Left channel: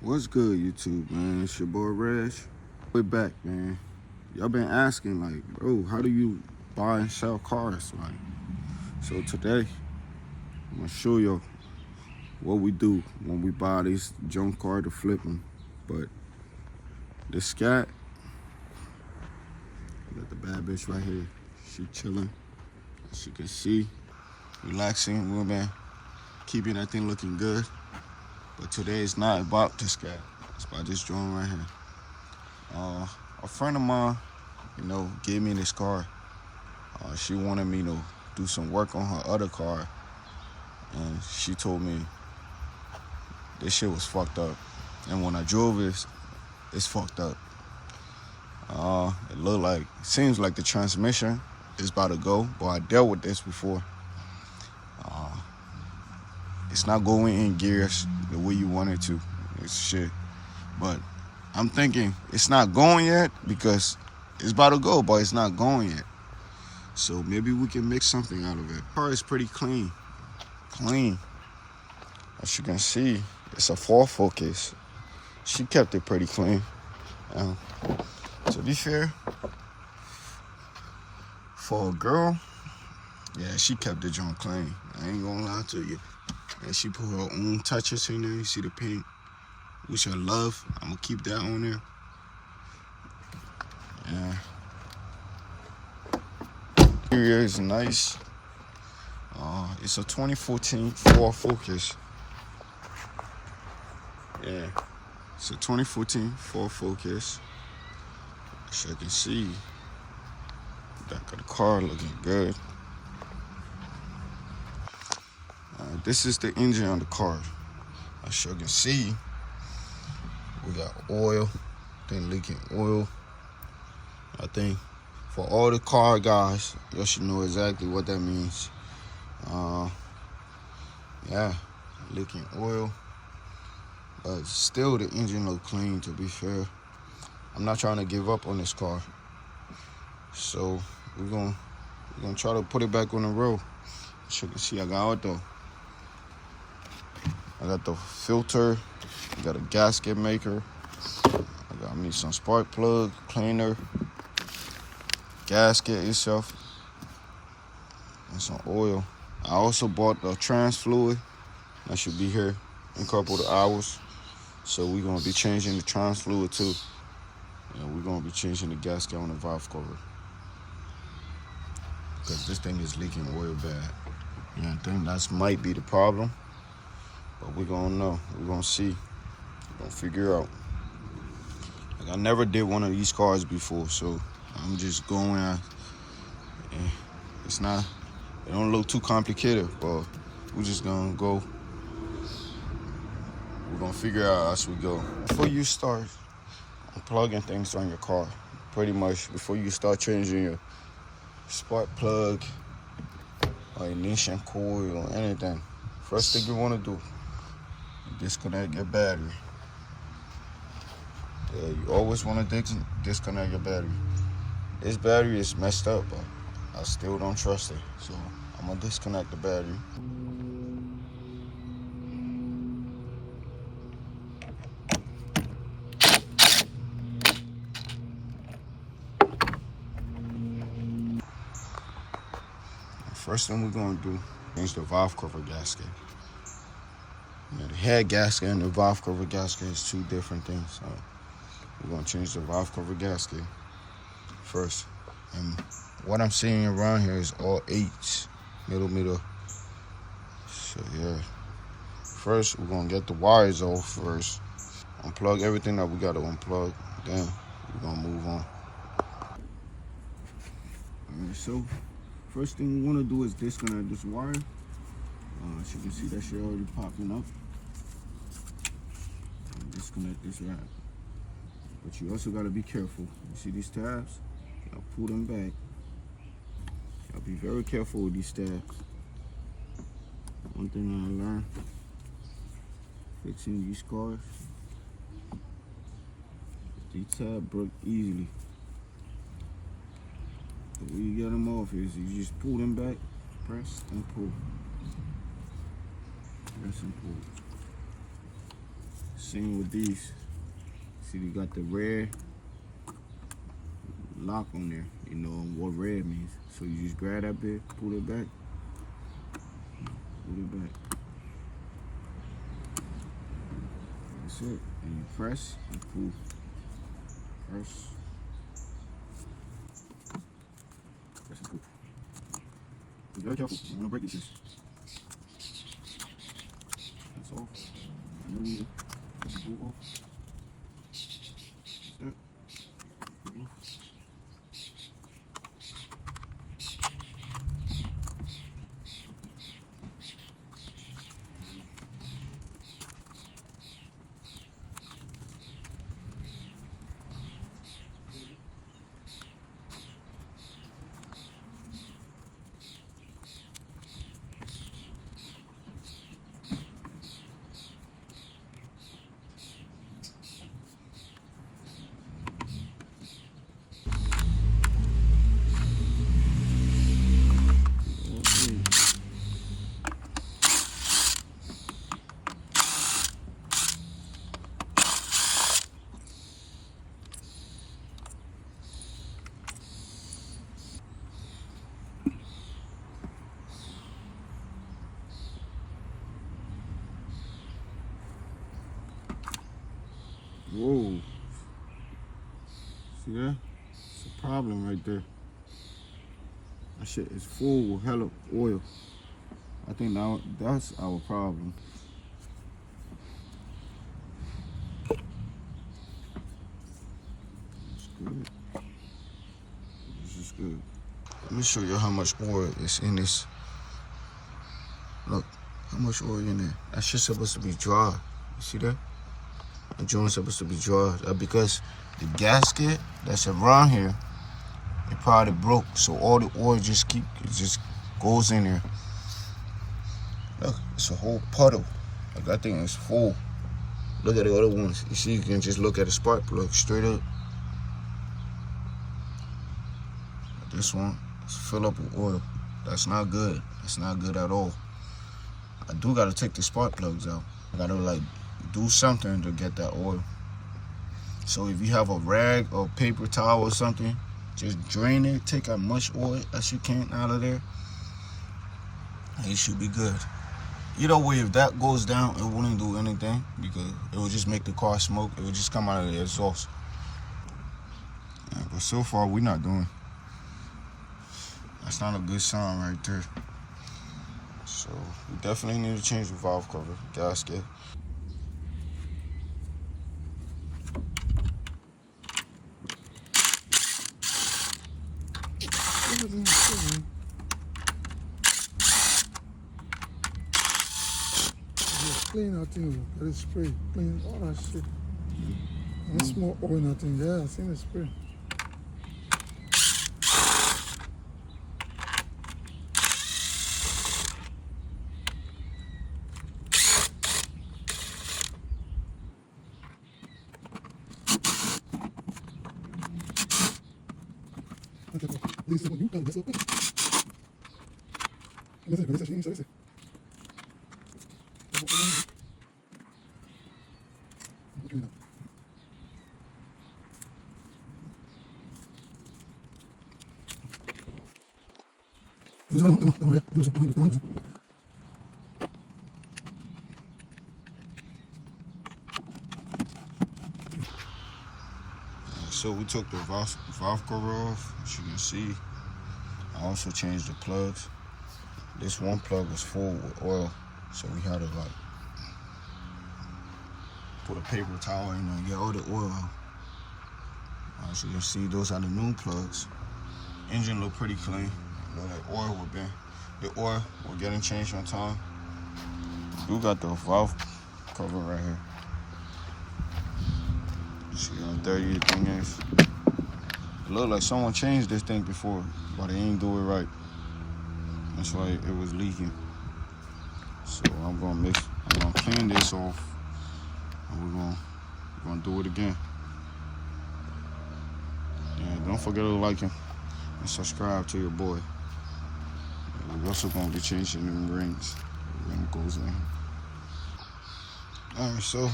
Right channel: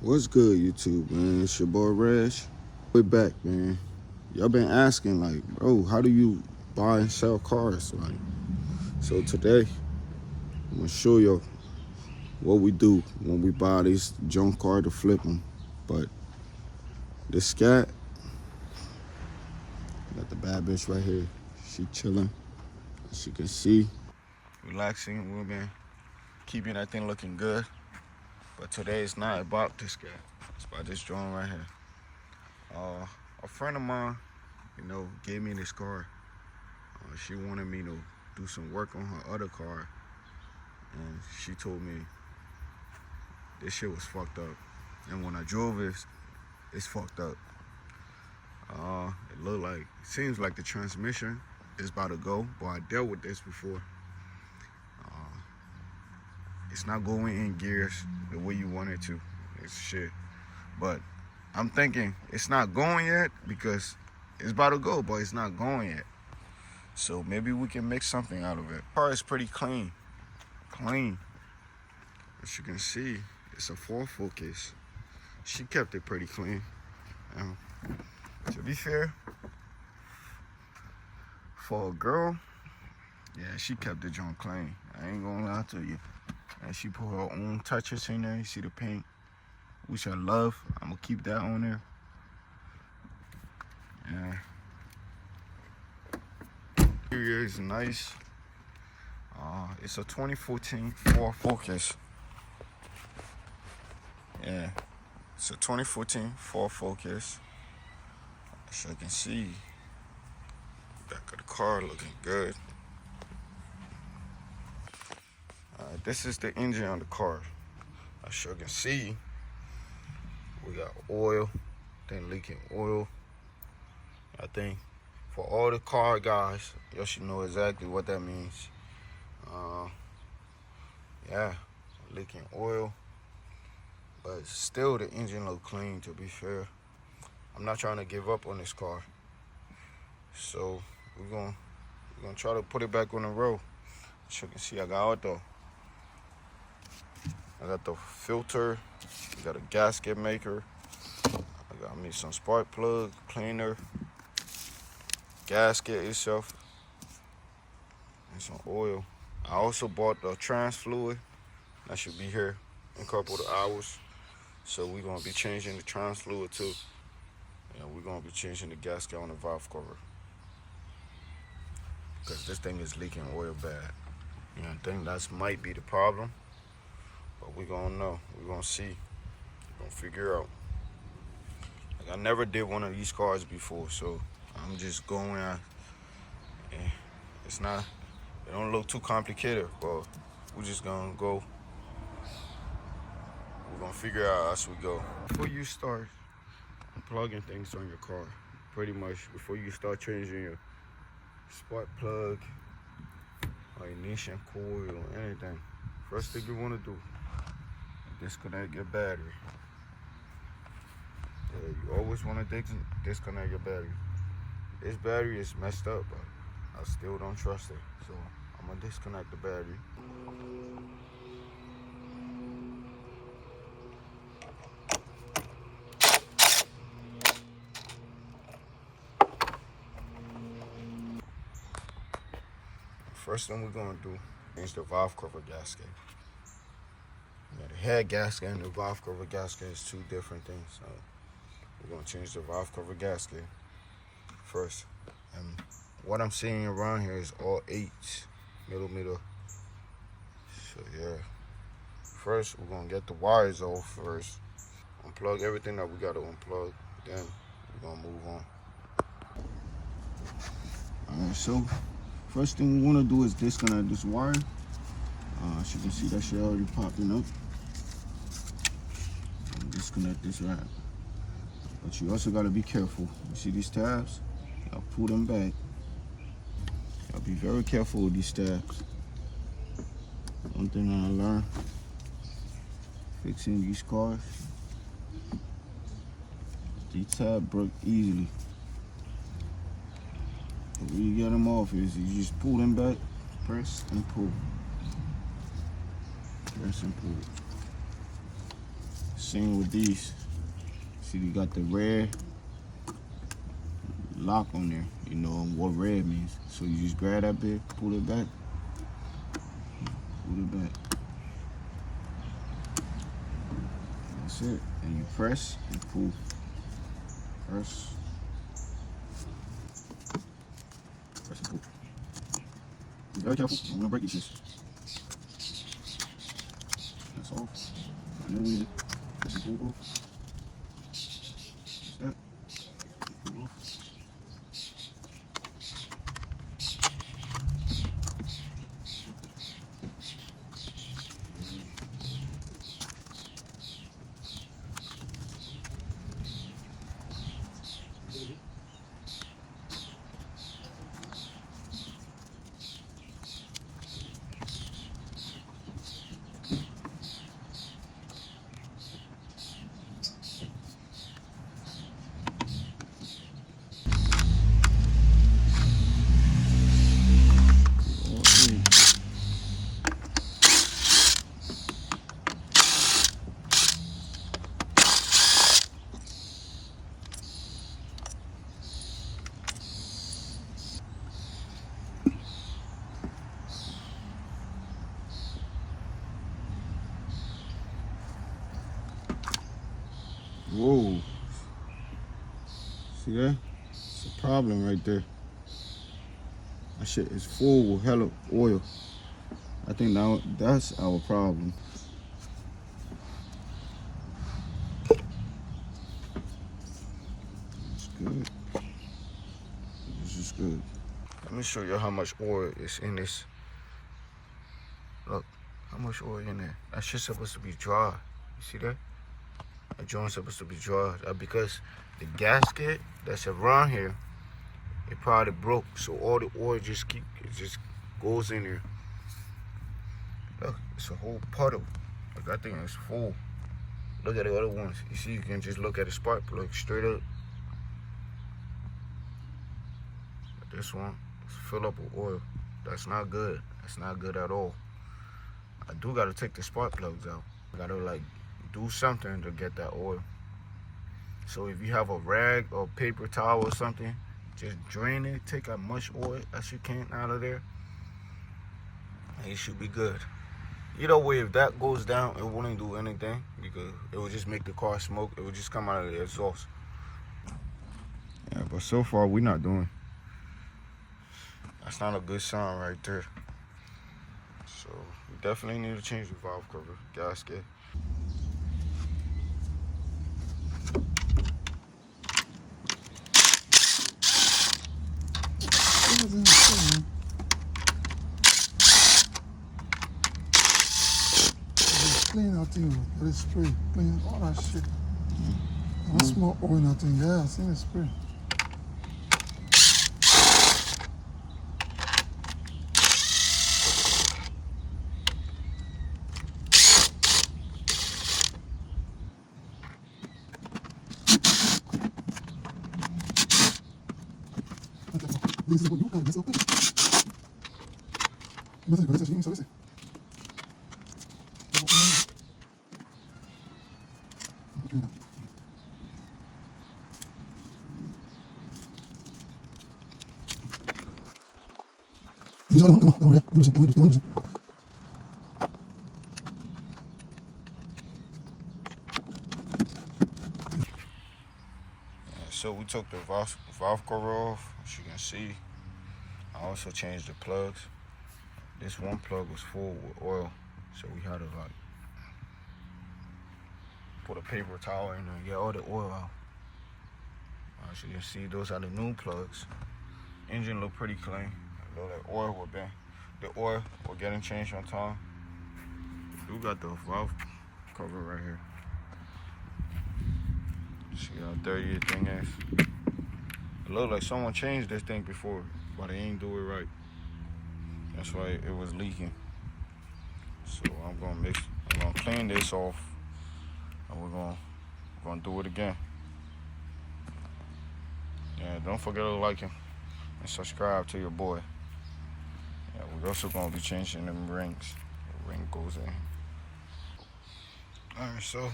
What's good, YouTube, man? It's your boy Reg. We're back, man. Y'all been asking, like, bro, how do you buy and sell cars? Like, so today, I'm gonna show you what we do when we buy these junk car to flip them. But this cat, got the bad bitch right here. She chilling, as you can see, relaxing. We've been keeping that thing looking good. But today is not about this cat. It's about this drone right here. A friend of mine, gave me this car. She wanted me to do some work on her other car, and she told me this shit was fucked up. And when I drove it, it's fucked up. Seems like the transmission is about to go, but I dealt with this before. It's not going in gears the way you want it to. It's shit. But I'm thinking it's not going yet because it's about to go, but it's not going yet. So maybe we can make something out of it. The car is pretty clean. As you can see, it's a Ford Focus. She kept it pretty clean. To be fair, for a girl, yeah, she kept the joint clean. I ain't gonna lie to you. And she put her own touches in there. You see the paint, which I love. I'm gonna keep that on there. Yeah. Interior is nice. It's a 2014 Ford Focus. Yeah, it's a 2014 Ford Focus. As you can see, back of the car looking good. This is the engine on the car. As you can see, we got oil, thing leaking oil. I think for all the car guys, you should know exactly what that means. Yeah, leaking oil, but still the engine look clean. To be fair, I'm not trying to give up on this car, so we're gonna try to put it back on the road. As you can see, I got the filter, I got a gasket maker, I got me some spark plug cleaner, gasket itself, and some oil. I also bought the trans fluid. That should be here in a couple of hours. So we're gonna be changing the trans fluid too. And we're gonna be changing the gasket on the valve cover, because this thing is leaking oil bad. I think that might be the problem. But we're gonna know. We're gonna see. We're gonna figure out. Like, I never did one of these cars before, so I'm just going out. It don't look too complicated, but we're just gonna go. We're gonna figure out as we go. Before you start unplugging things on your car, pretty much before you start changing your spark plug or ignition coil or anything, first thing you wanna do, disconnect your battery. Yeah, you always want to disconnect your battery. This battery is messed up, but I still don't trust it. So I'm going to disconnect the battery. First thing we're going to do, change the valve cover gasket. The head gasket and the valve cover gasket is two different things. So we're going to change the valve cover gasket first. And what I'm seeing around here is all 8s, millimeter. So yeah, first we're going to get the wires off first. Unplug everything that we got to unplug. Then we're going to move on. Alright, so first thing we want to do is disconnect this wire. As you can see, that shit already popping up. Disconnect this wrap. But you also got to be careful. You see these tabs? Y'all pull them back. Y'all be very careful with these tabs. One thing I learned fixing these cars, these tabs break easily. The way you get them off is you just pull them back, press and pull. Press and pull. Same with these. See, you got the red lock on there. You know what red means. So you just grab that bit, pull it back, That's it. And you press and pull. Press and pull. Be very careful. You don't want to break these things. That's all. And then you push the pull off. That's that. Pull off. Whoa. See that? It's a problem right there. That shit is full with hella oil. I think now that's our problem. It's good. This is good. Let me show you how much oil is in this. Look, how much oil in there. That shit's supposed to be dry. You see that? That joint's supposed to be dry. Because the gasket that's around here, it probably broke. So all the oil just goes in there. Look, it's a whole puddle. Like that thing is full. Look at the other ones. You see, you can just look at the spark plug straight up. This one is filled up with oil. That's not good. That's not good at all. I do gotta take the spark plugs out. I gotta like do something to get that oil. So if you have a rag or paper towel or something, just drain it, take as much oil as you can out of there, and it should be good. Either way, if that goes down, it wouldn't do anything because it would just make the car smoke. It would just come out of the exhaust. Yeah, but so far we're not doing. That's not a good sign right there. So we definitely need to change the valve cover, gasket. Clean that thing with the spray, clean all that shit. I smell oil in that thing, yeah, I seen the spray. So we took the valve cover off, as you can see. I also changed the plugs. This one plug was full with oil, so we had to like put a paper towel in there and get all the oil out. As you can see, those are the new plugs. Engine look pretty clean. You know, that oil the oil we're getting changed on time. We got the valve cover right here. See how dirty the thing is. It looked like someone changed this thing before, but they ain't do it right. That's why it was leaking. So I'm gonna clean this off, and we're gonna do it again. And don't forget to like and subscribe to your boy. And we're also gonna be changing them rings. The ring goes in. All right, so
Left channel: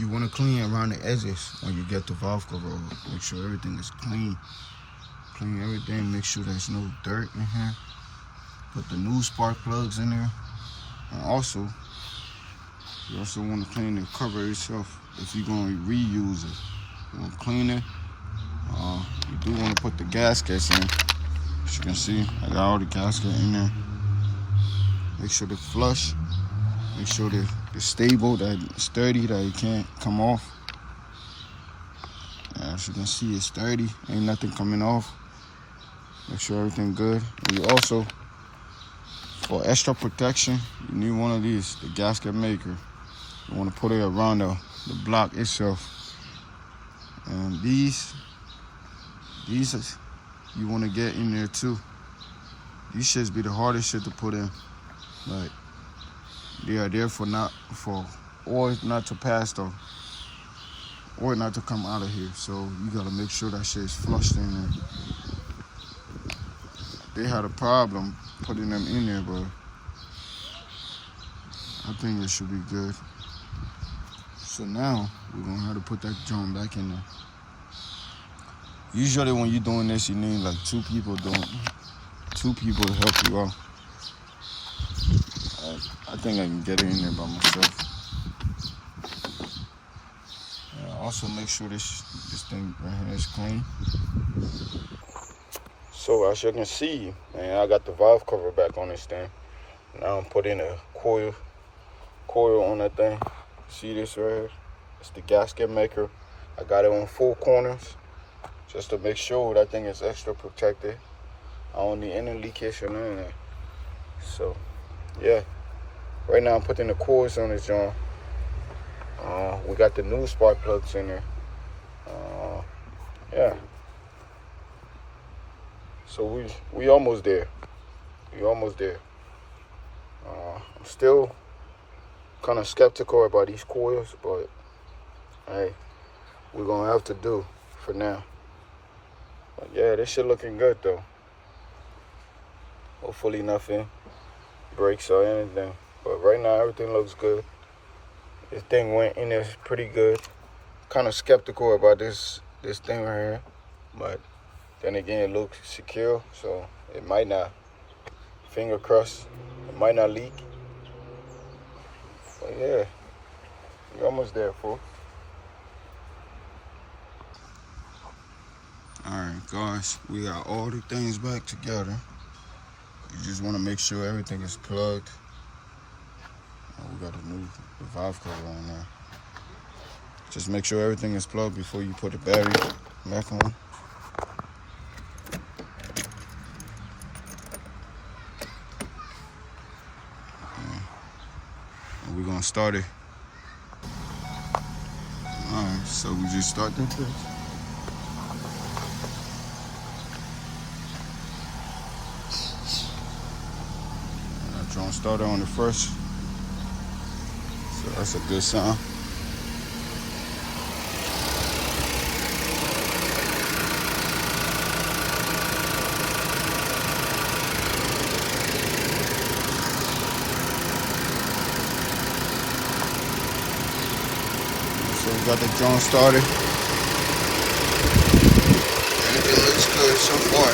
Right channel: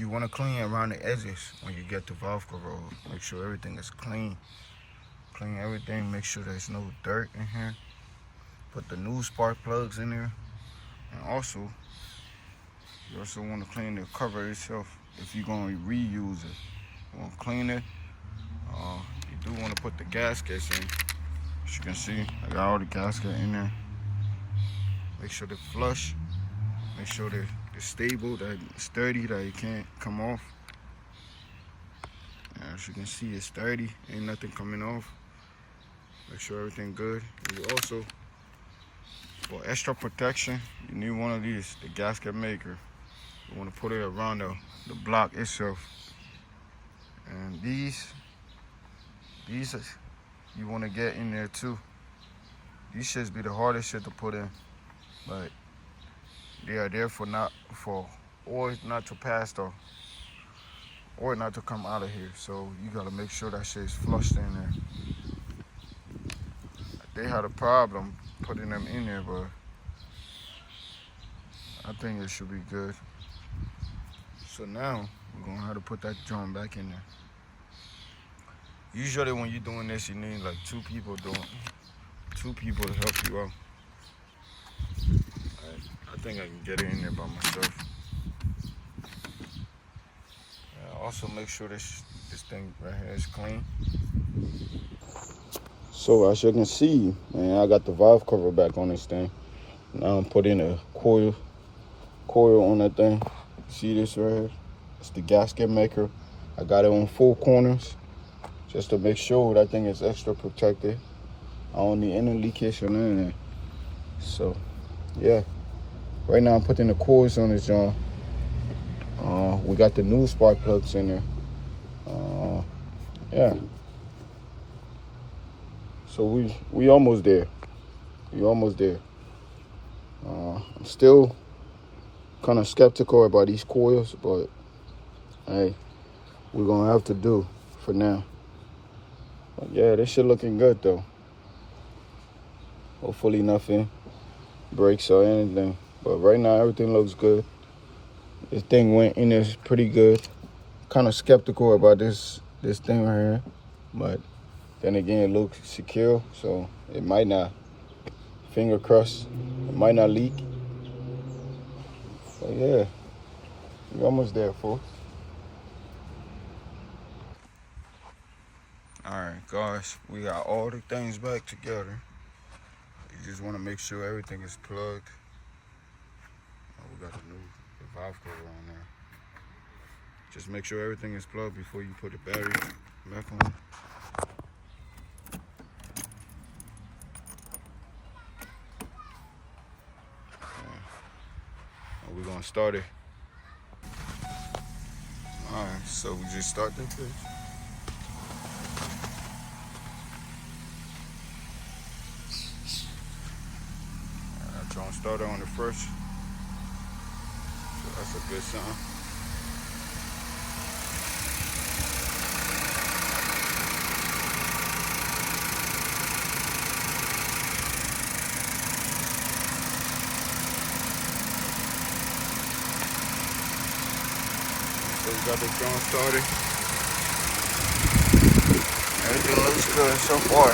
you want to clean around the edges when you get the valve cover off. Make sure everything is clean. Clean everything. Make sure there's no dirt in here. Put the new spark plugs in there. And also, you also want to clean the cover itself if you're going to reuse it. You want to clean it. You do want to put the gaskets in. As you can see, I got all the gaskets in there. Make sure they're flush. Make sure they're stable, that it's sturdy, that it can't come off. As you can see, it's sturdy. Ain't nothing coming off. Make sure everything good. And you also, for extra protection, you need one of these, the gasket maker. You want to put it around the block itself. And these you want to get in there too. These shits be the hardest shit to put in, but they are there for oil not to pass though, oil not to come out of here. So you gotta make sure that shit is flushed in there. They had a problem putting them in there, but I think it should be good. So now we're gonna have to put that joint back in there. Usually when you're doing this, you need like two people to help you out. I think I can get it in there by myself. Also make sure this thing right here is clean. So as you can see, man, I got the valve cover back on this thing. Now I'm putting a coil on that thing. See this right here? It's the gasket maker. I got it on 4 corners just to make sure that thing is extra protected. I don't need any leakage or anything. So yeah, right now I'm putting the coils on this joint. We got the new spark plugs in there. Yeah. So we almost there. We almost there. I'm still kind of skeptical about these coils, but hey, we're gonna have to do for now. Yeah, this shit looking good though. Hopefully nothing breaks or anything. But right now everything looks good. This thing went in there pretty good. Kind of skeptical about this thing right here, but then again it looks secure, so it might not. Finger crossed, it might not leak. But yeah, we're almost there, folks. Alright guys, we got all the things back together. You just want to make sure everything is plugged. We got a new valve cover on there. Just make sure everything is plugged before you put the battery back on. Okay. And we're gonna start it. Alright, so we just start this. Drone started on the first, so that's a good sign. So we got the drone started. Everything looks good so far.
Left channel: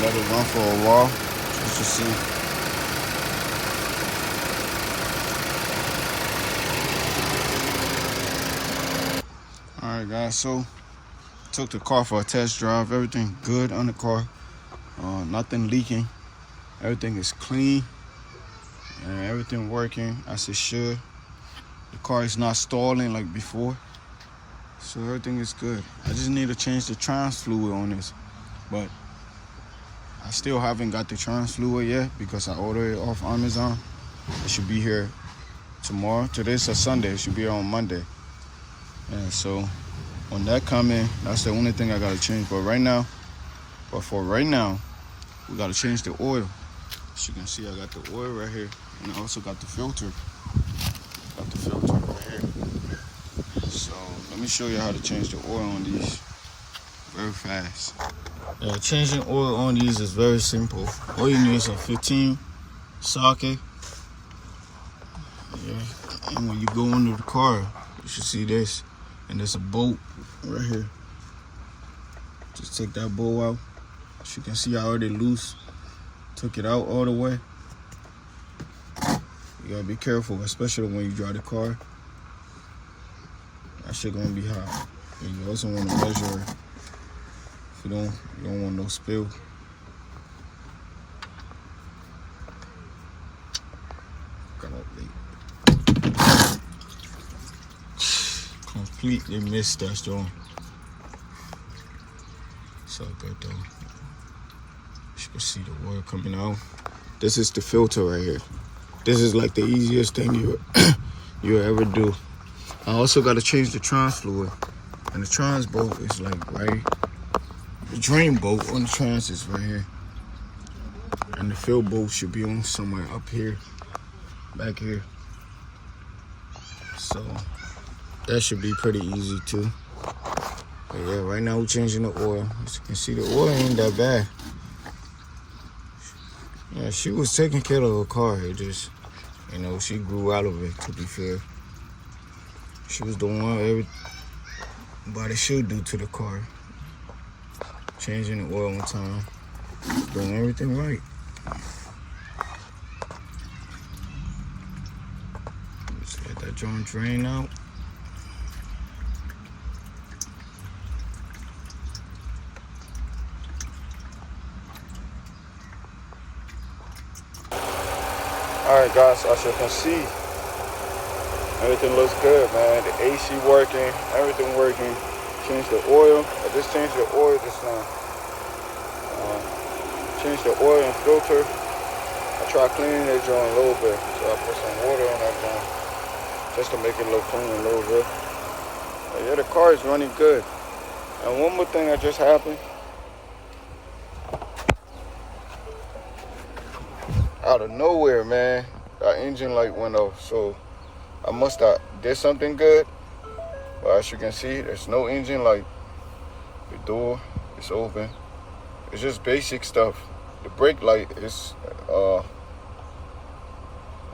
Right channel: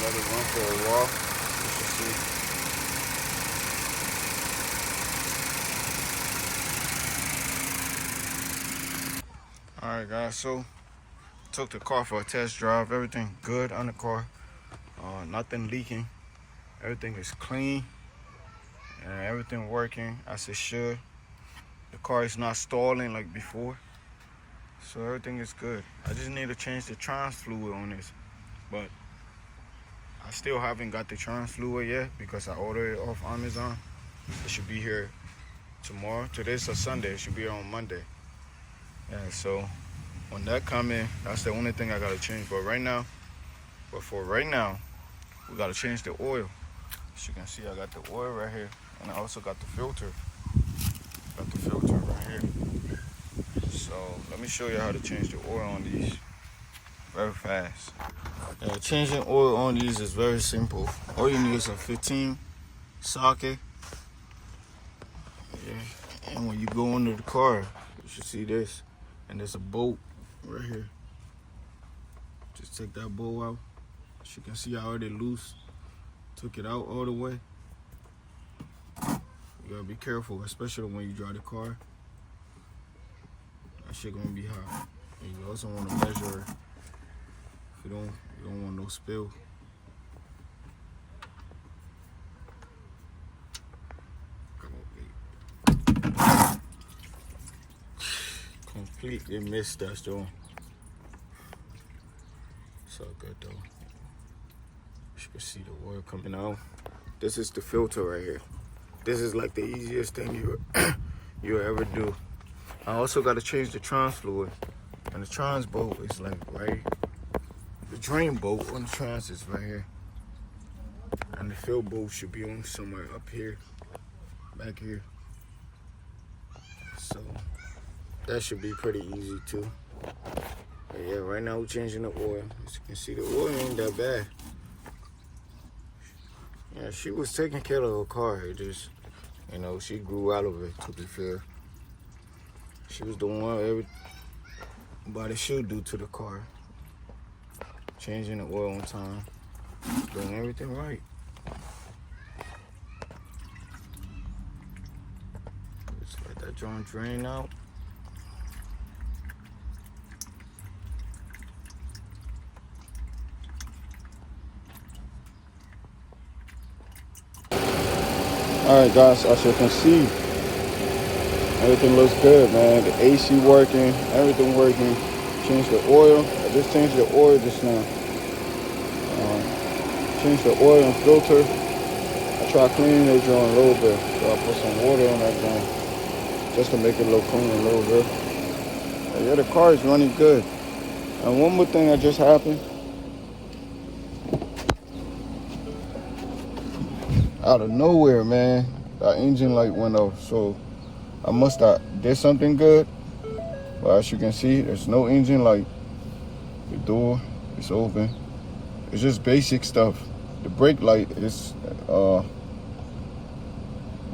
Let it run for a while, just to see. Alright guys, so took the car for a test drive. Everything good on the car. Nothing leaking. Everything is clean. And everything working as it should. The car is not stalling like before. So everything is good. I just need to change the trans fluid on this. But I still haven't got the trans fluid yet because I ordered it off Amazon. It should be here tomorrow. Today's a Sunday. It should be here on Monday. And so when that come in, that's the only thing I gotta change. But for right now, we gotta change the oil. As you can see, I got the oil right here, and I also got the filter. Got the filter right here. So let me show you how to change the oil on these very fast. Changing oil on these is very simple. All you need is a 15 socket. Yeah, and when you go under the car, you should see this. And there's a bolt right here. Just take that bolt out. As you can see, I already loose. Took it out all the way. You gotta be careful, especially when you drive the car. That shit gonna be hot. And you also want to measure it. If you don't want no spill. Completely missed that storm. So good though. You can see the oil coming out. This is the filter right here. This is like the easiest thing you ever do. I also got to change the trans fluid, and the trans bolt is like right. The drain bolt on the trans is right here, and the fill bolt should be on somewhere up here, back here. So that should be pretty easy too. But yeah, right now we're changing the oil. As you can see, the oil ain't that bad. Yeah, she was taking care of her car. It just, you know, she grew out of it, to be fair. She was doing what everybody should do to the car. Changing the oil on time. Doing everything right. Let's get that joint drain out. Alright guys, as you can see, everything looks good, man. The AC working, everything working. Change the oil. Just change the oil this one. Change the oil and filter. Try cleaning it down a little bit. Put some water in that one. Just to make it look clean a little bit. Yeah, the car is running good. And one more thing that just happened. Out of nowhere, man, our engine light went off. So I must have did something good. But as you can see, there's no engine light. The door is open. It's just basic stuff. The brake light is,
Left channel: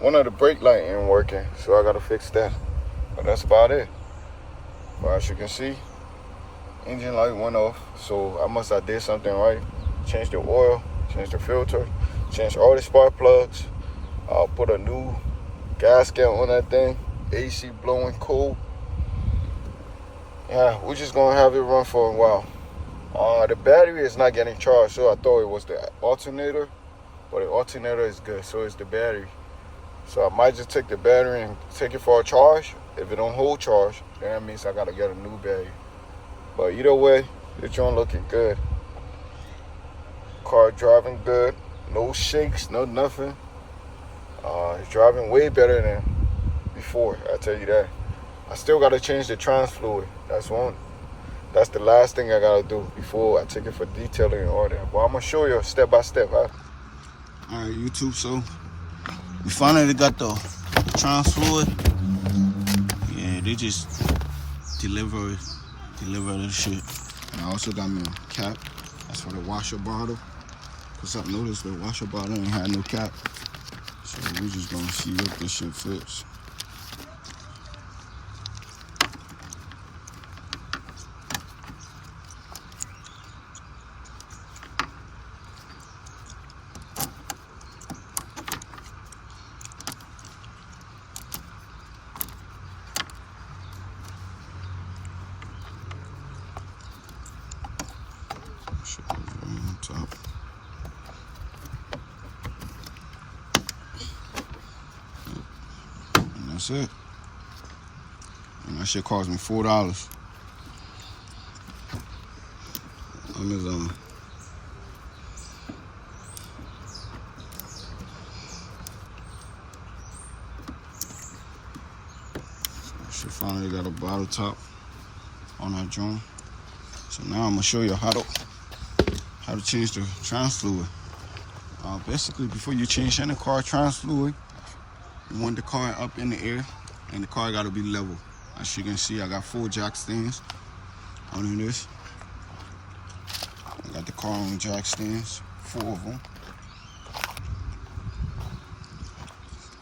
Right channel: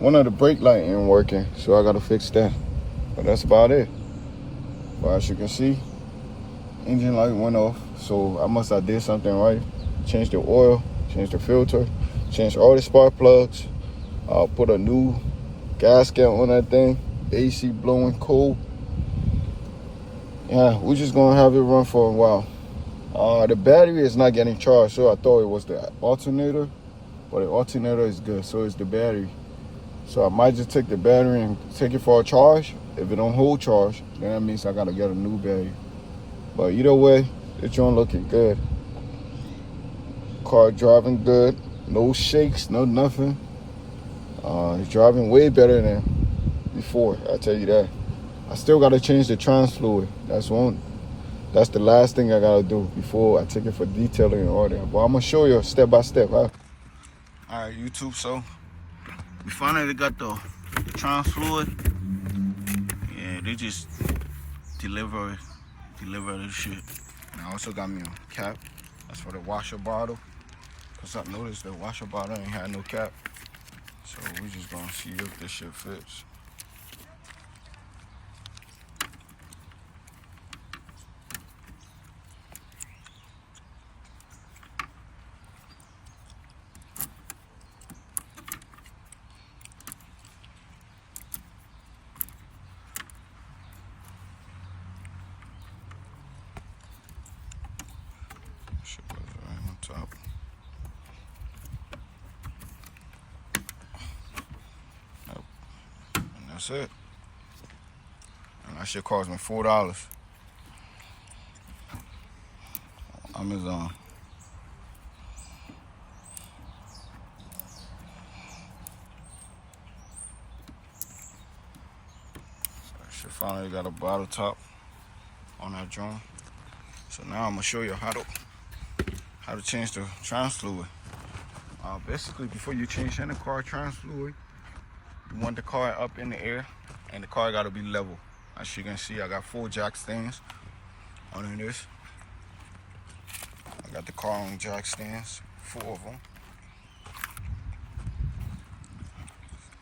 one of the brake light ain't working, so I gotta fix that. But that's about it. But as you can see, engine light went off. So I must have did something right. Changed the oil, changed the filter, changed all the spark plugs. I'll put a new gasket on that thing. AC blowing cold. Yeah, we're just gonna have it run for a while. The battery is not getting charged, so I thought it was the alternator, but the alternator is good, so it's the battery. So I might just take the battery and take it for a charge. If it don't hold charge, then that means I gotta get a new battery. But either way, it's joint looking good. Car driving good, no shakes, no nothing. It's driving way better than before, I tell you that. I still gotta change the trans fluid. That's the last thing I gotta do before I take it for detailing and all that. But I'm gonna show you step by step. Huh? All right, YouTube, so we finally got the trans fluid. Yeah, they just deliver this shit. And I also got me a cap. That's for the washer bottle. Cause I noticed the washer bottle ain't had no cap. So we just gonna see if this shit fits. Top. And that's it. And that shit cost me $4. Amazon. She finally got a bottle top on that joint. So now I'm gonna show you how to change the trans fluid. Basically, before you change any car trans fluid, you want the car up in the air, and the car gotta be level. As you can see, I got 4 jack stands under this. I got the car on jack stands, 4 of them.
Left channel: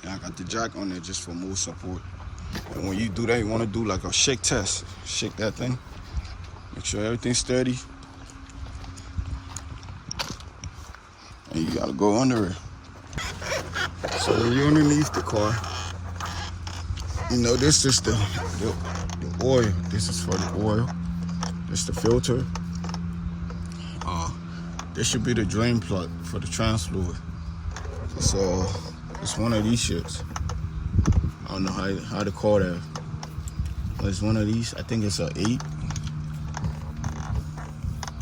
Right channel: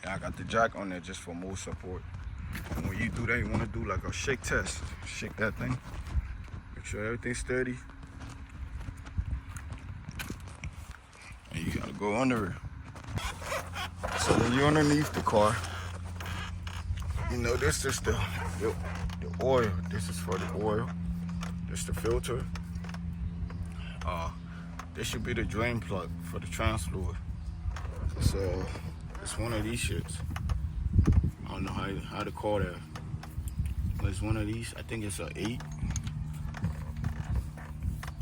And I got the jack on there just for more support. And when you do that, you want to do like a shake test. Shake that thing. Make sure everything's steady. And you gotta go under it. So when you're underneath the car, you know this is the oil. This is for the oil. This is the filter. This should be the drain plug for the trans fluid. So it's one of these shits. I don't know how to call that. But it's one of these. I think it's an 8.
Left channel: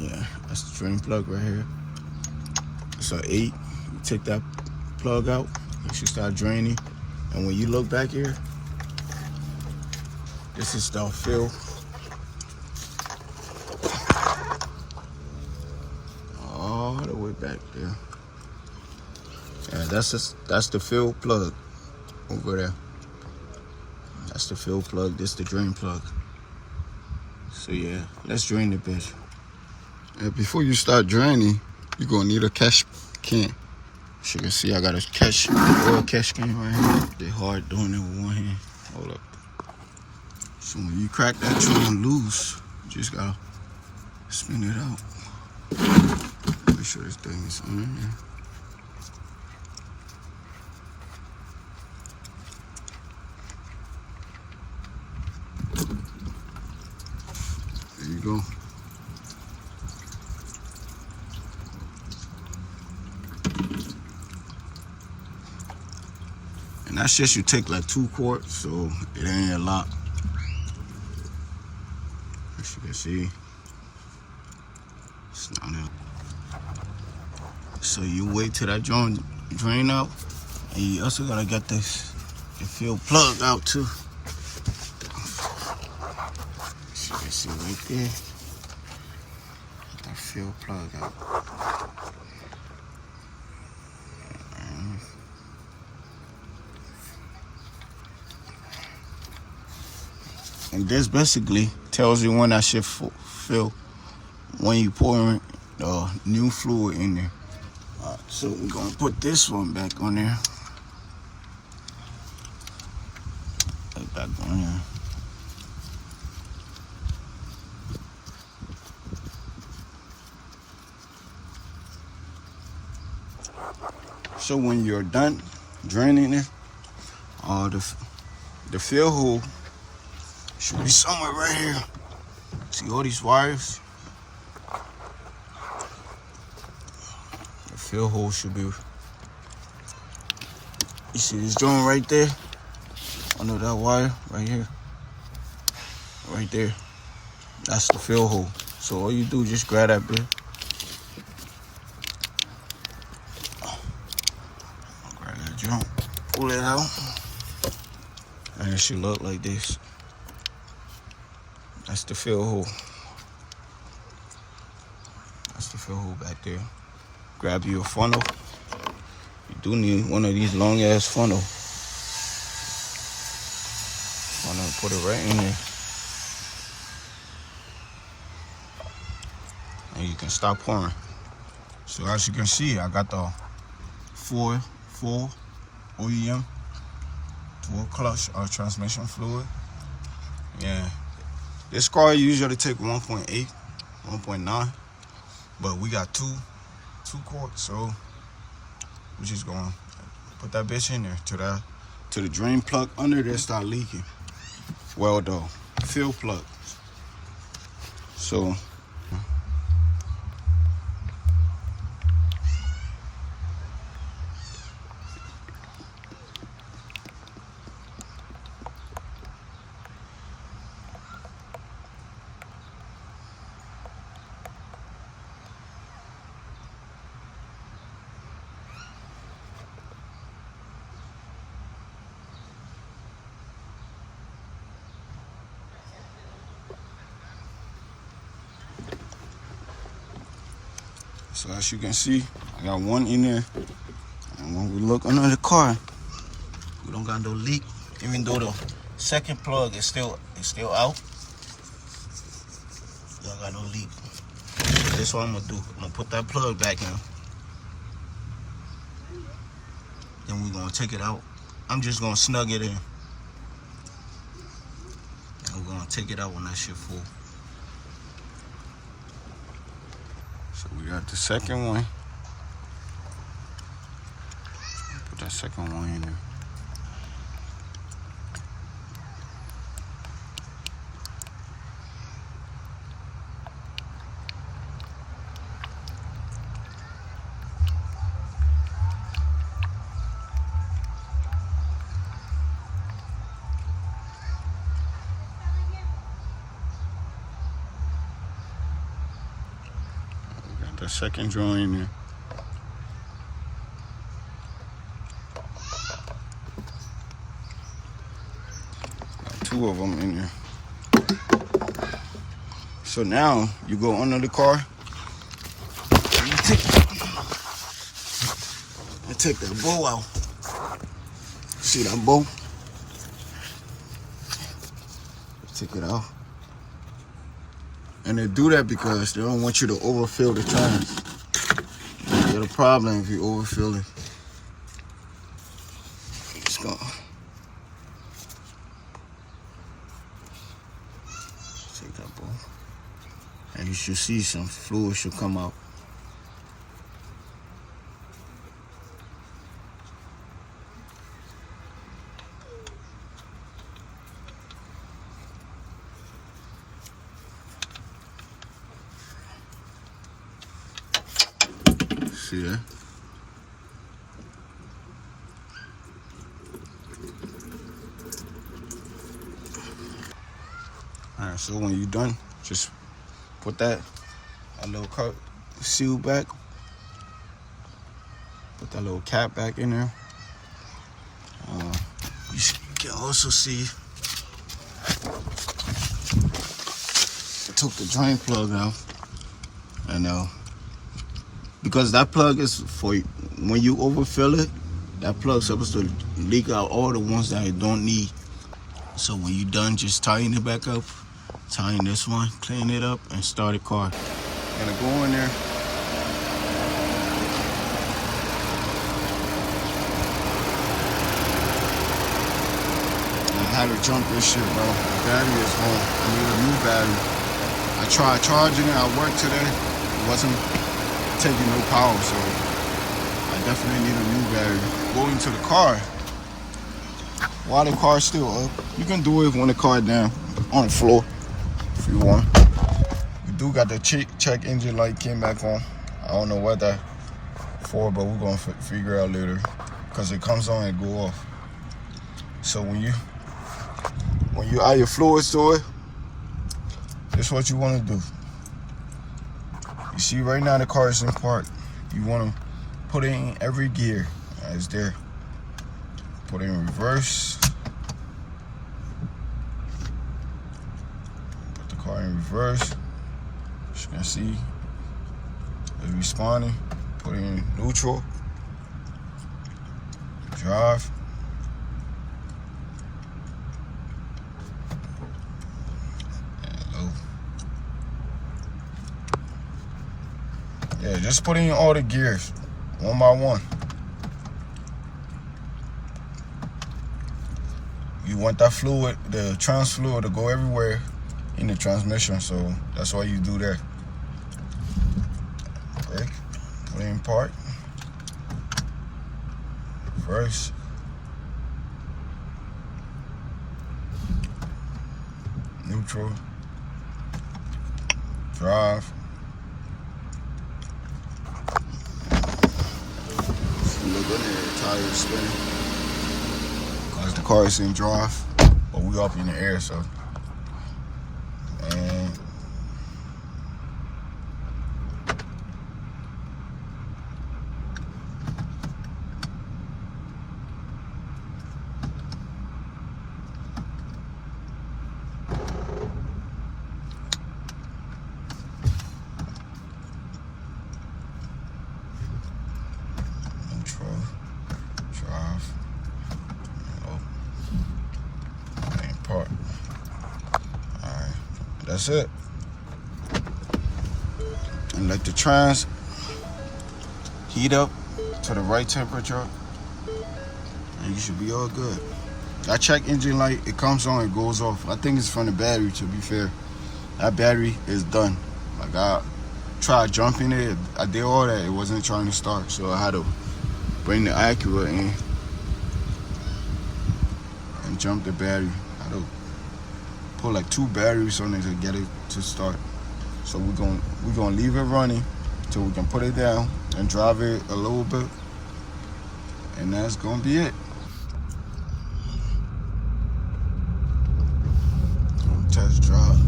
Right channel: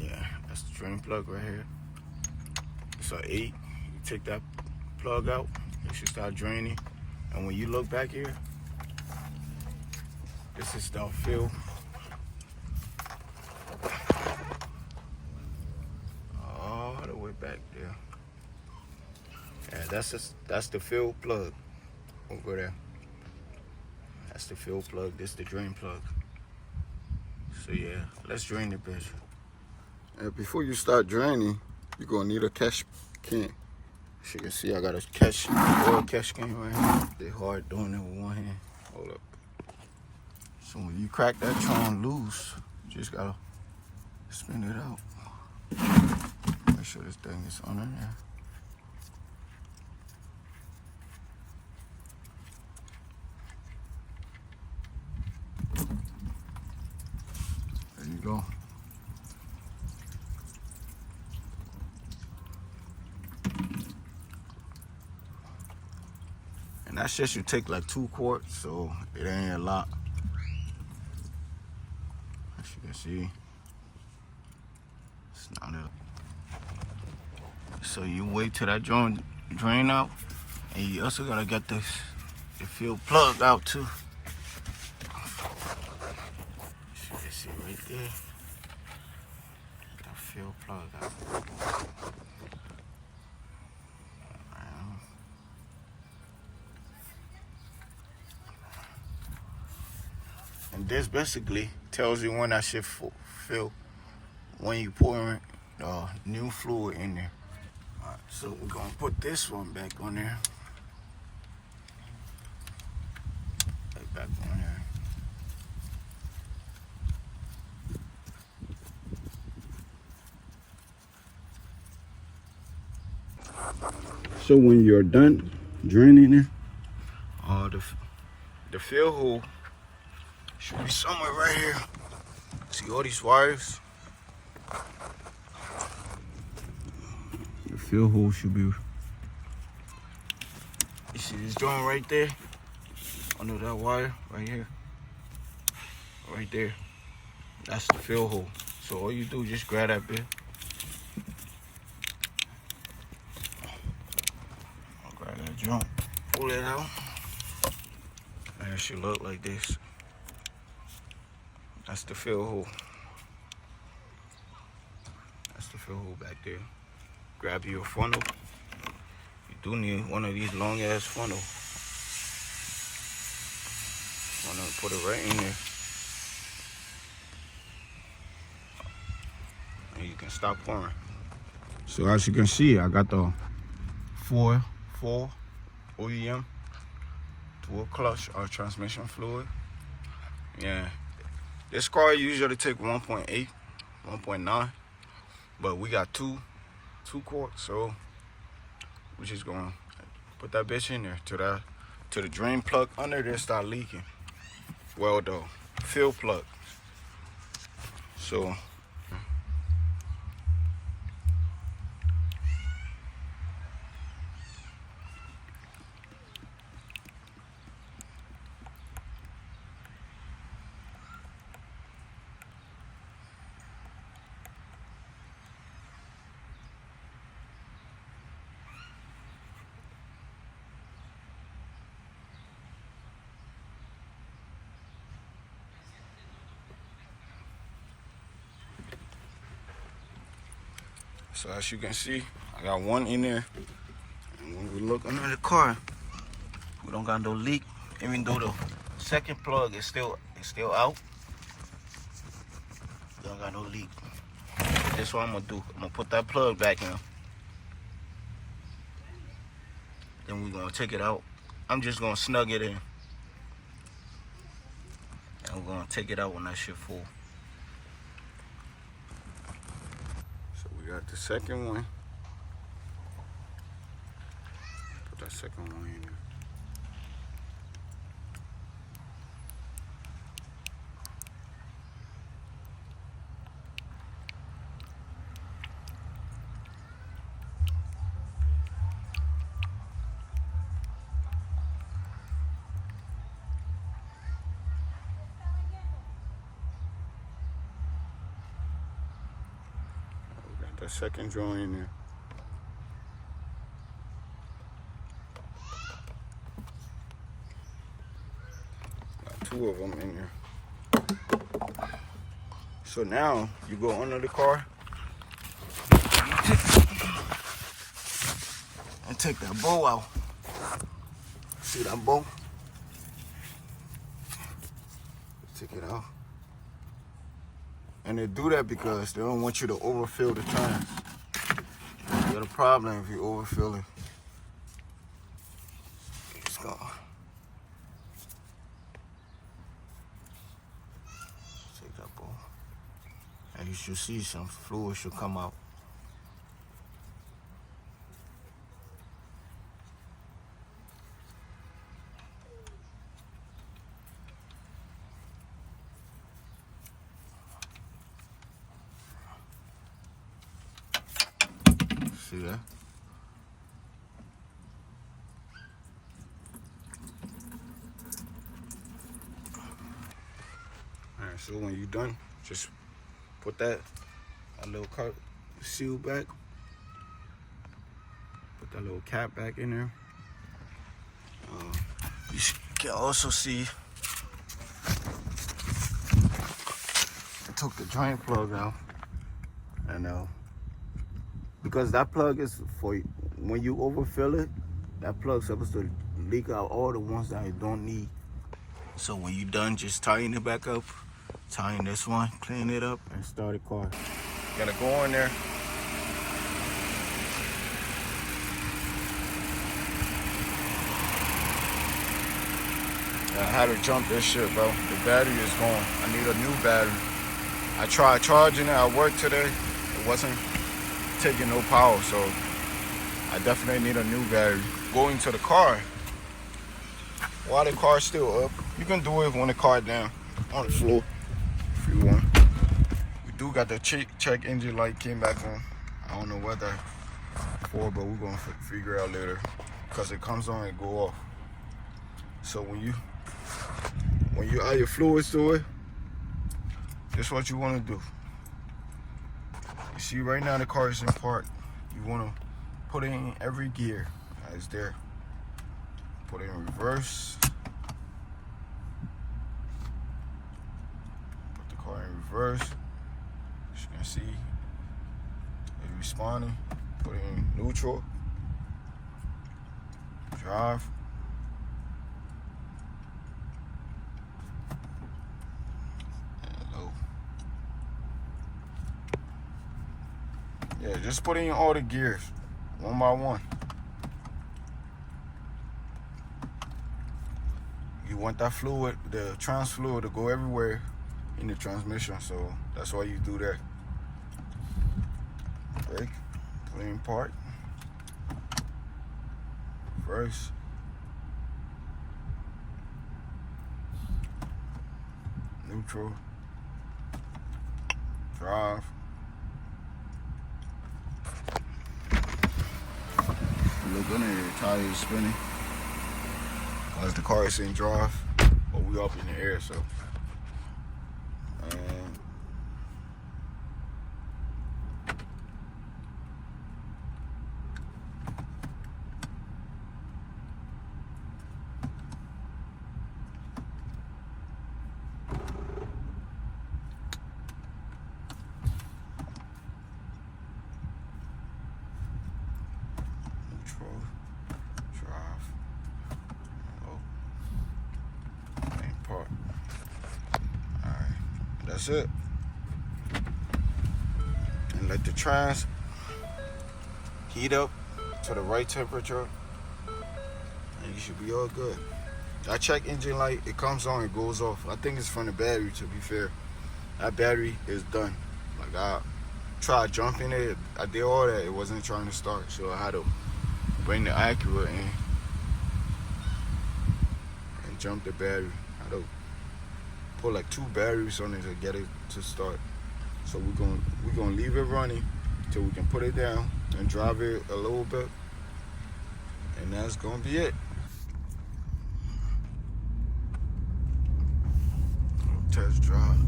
Yeah, that's the drain plug right here. It's an 8. You take that plug out, it should start draining. And when you look back here, this is the fill. All the way back there. Yeah, that's the fill plug over there. That's the fill plug. This the drain plug. So yeah, let's drain the bitch. And before you start draining, you're gonna need a cash can. As you can see, I got a oil cash can right here. They hard doing it with one hand. Hold up. So when you crack that joint loose, you just gotta spin it out. Make sure this thing is on there. There you go. And that shit should take like 2 quarts, so it ain't a lot. As you can see, it's not out. So you wait till that joint drain out, and you also gotta get the fill plug out too. As you can see right there, get that fill plug out. And this basically tells you when that shit fill, when you pour new fluid in there. Alright, so we're gonna put this one back on there. Right back on there. So when you're done draining it, the fill hole should be somewhere right here. See all these wires? The fill hole should be. You see this joint right there? Under that wire right here. Right there. That's the fill hole. So all you do is just grab that bit. I'll grab that joint, pull it out, and it should look like this. That's the fill hole. That's the fill hole back there. Grab you a funnel. You do need one of these long ass funnel. Put it right in there. And you can stop pouring. So as you can see, I got the full OEM, dual clutch transmission fluid. Yeah. This car usually take 1.8, 1.9, but we got two quarts, so we're just gonna put that bitch in there to the drain plug under there start leaking. Well, the fill plug. So. So as you can see, I got one in there. And when we look under the car, we don't got no leak. Even though the second plug is still out, we don't got no leak. So this is what I'm gonna do. I'm gonna put that plug back now. Then we're gonna take it out I'm just gonna snug it in. And we're gonna take it out when that shit full. So we got the second one. Put that second one in there. The second joint in there. Got 2 of them in there. So now you go under the car. And take that bow out. See that bow? Take it out. And they do that because they don't want you to overfill the trans. You get a problem if you overfill it. Let's go. Take that bowl. And you should see some fluid should come out. See that? Alright, so when you're done, just put that little cup seal back. Put that little cap back in there. You can also see I took the drain plug out, and because that plug is for when you overfill it, that plug's supposed to leak out all the ones that you don't need. So when you're done, just tighten it back up, tighten this one, clean it up, and start the car. Gotta go in there. I had to jump this shit, bro. The battery is gone. I need a new battery. I tried charging it at work today. It wasn't taking no power, so I definitely need a new battery. Going to the car. While the car's still up, you can do it when the car down on the floor if you want. We do got the check engine light came back on. I don't know what that for, but we're gonna figure out later because it comes on and go off. So when you add your fluids to it, this is what you want to do. You see right now the car is in park. You want to put it in every gear as there. Put it in reverse. Put the car in reverse. As you can see, it's responding. Put it in neutral. Drive. Yeah, just put in all the gears, one by one. You want that fluid, the trans fluid, to go everywhere in the transmission, so that's why you do that. Brake, put it in park. Reverse. Neutral. Drive. Look under there, tires spinning. Cause the car is in drive, but we up in the air, so. And drive. Main part. Alright, that's it. And let the trans heat up to the right temperature. and you should be all good. That check engine light, it comes on, it goes off. I think it's from the battery, to be fair. That battery is done. Like, I tried jumping it, I did all that, it wasn't trying to start, so I had to bring the Acura in and jump the battery. I had to put like 2 batteries on it to get it to start. So we're gonna leave it running till we can put it down and drive it a little bit, and that's gonna be it. Test drive.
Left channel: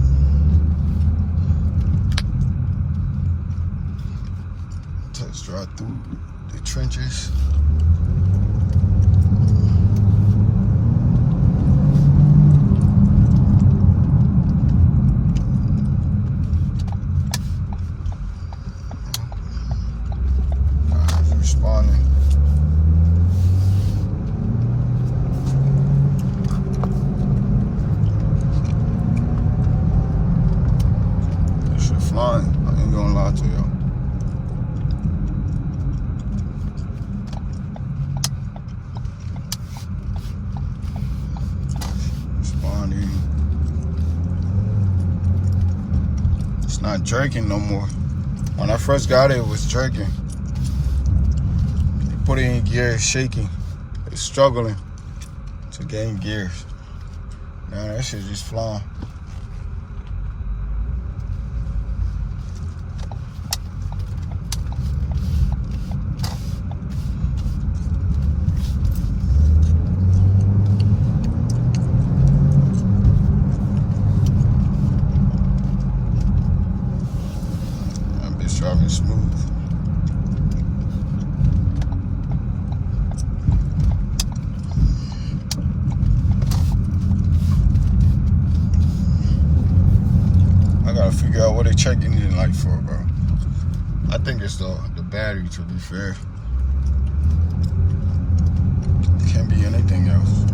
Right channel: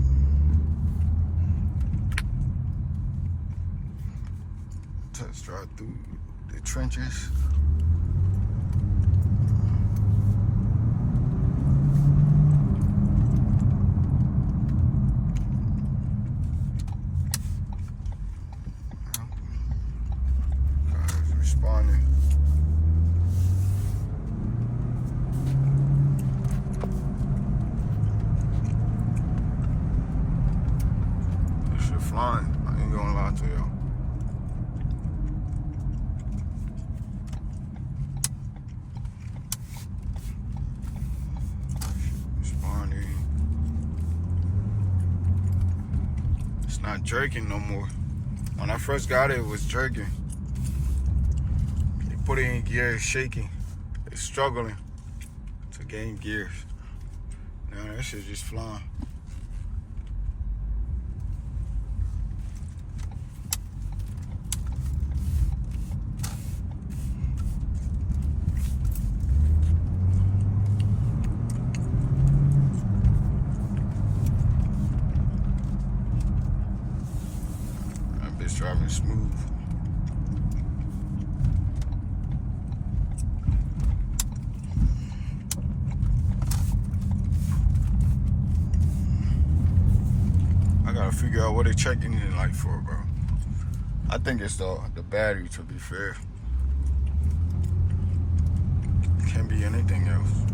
Test drive through the trenches. Responding. This shit flying. I ain't gonna lie to y'all. Responding. It's not jerking no more. When I first got it, it was jerking. Put it in gear, it's shaking. It's struggling to gain gears. Now that shit just flying. That bitch driving smooth. Figure out what they check engine light for, bro. I think it's the battery, to be fair. Can't be anything else.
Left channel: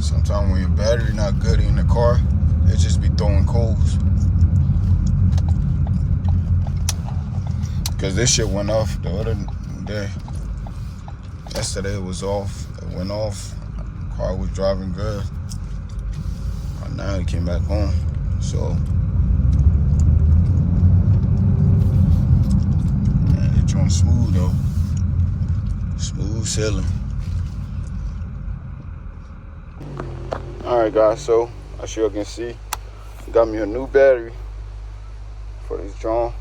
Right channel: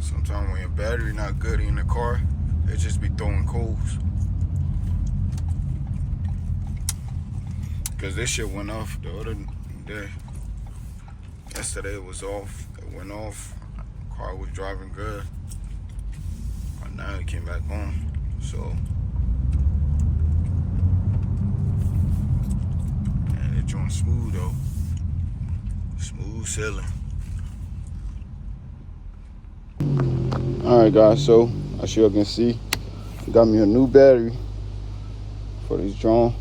Sometimes when your battery not good in the car, it just be throwing codes. Cause this shit went off the other day. Yesterday it was off. It went off. The car was driving good. And now it came back on. So, man, it's on smooth though. Smooth sailing. Alright guys, so as you can see, got me a new battery for this drone.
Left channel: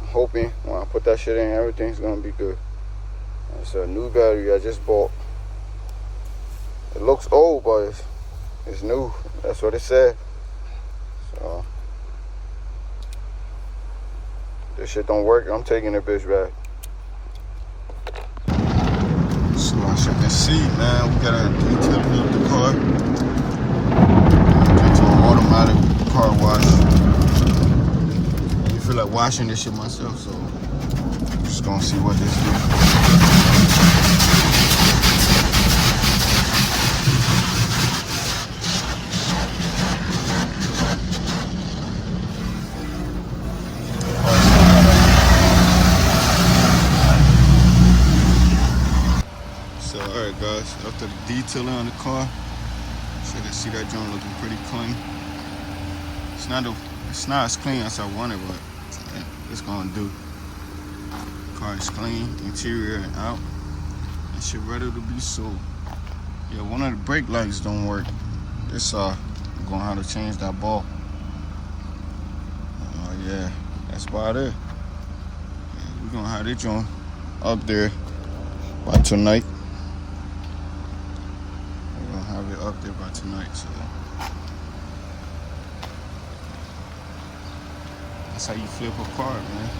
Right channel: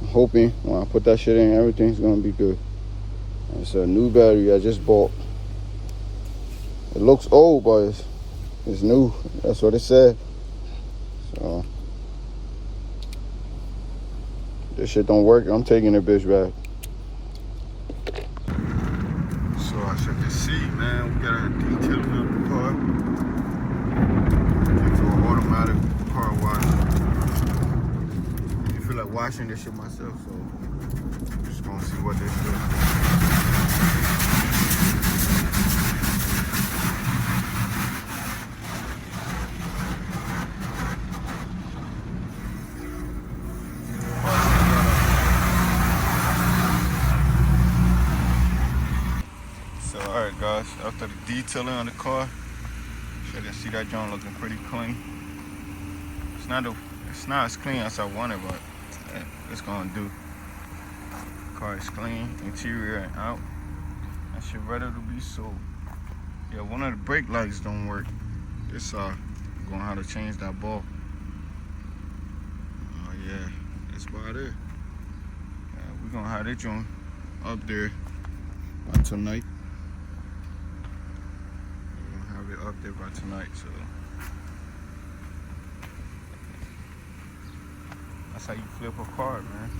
I'm hoping when I put that shit in, everything's gonna be good. It's a new battery I just bought. It looks old, but it's new. That's what it said. So, this shit don't work, I'm taking the bitch back. So as you can see, man, we got a detailing of the car. Get to an automatic car wash. And you feel like washing this shit myself, so I'm just gonna see what this do. Alright guys, after the detailing on the car, so you can see that joint looking pretty clean. It's not as clean as I wanted, but it's gonna do. Car is clean, interior and out. That shit ready to be sold. Yeah, one of the brake lights don't work. This I'm gonna have to change that ball. Yeah, that's about it. Yeah, we're gonna have this joint up there by tonight. Have it up there by tonight, so that's how you flip a car, man.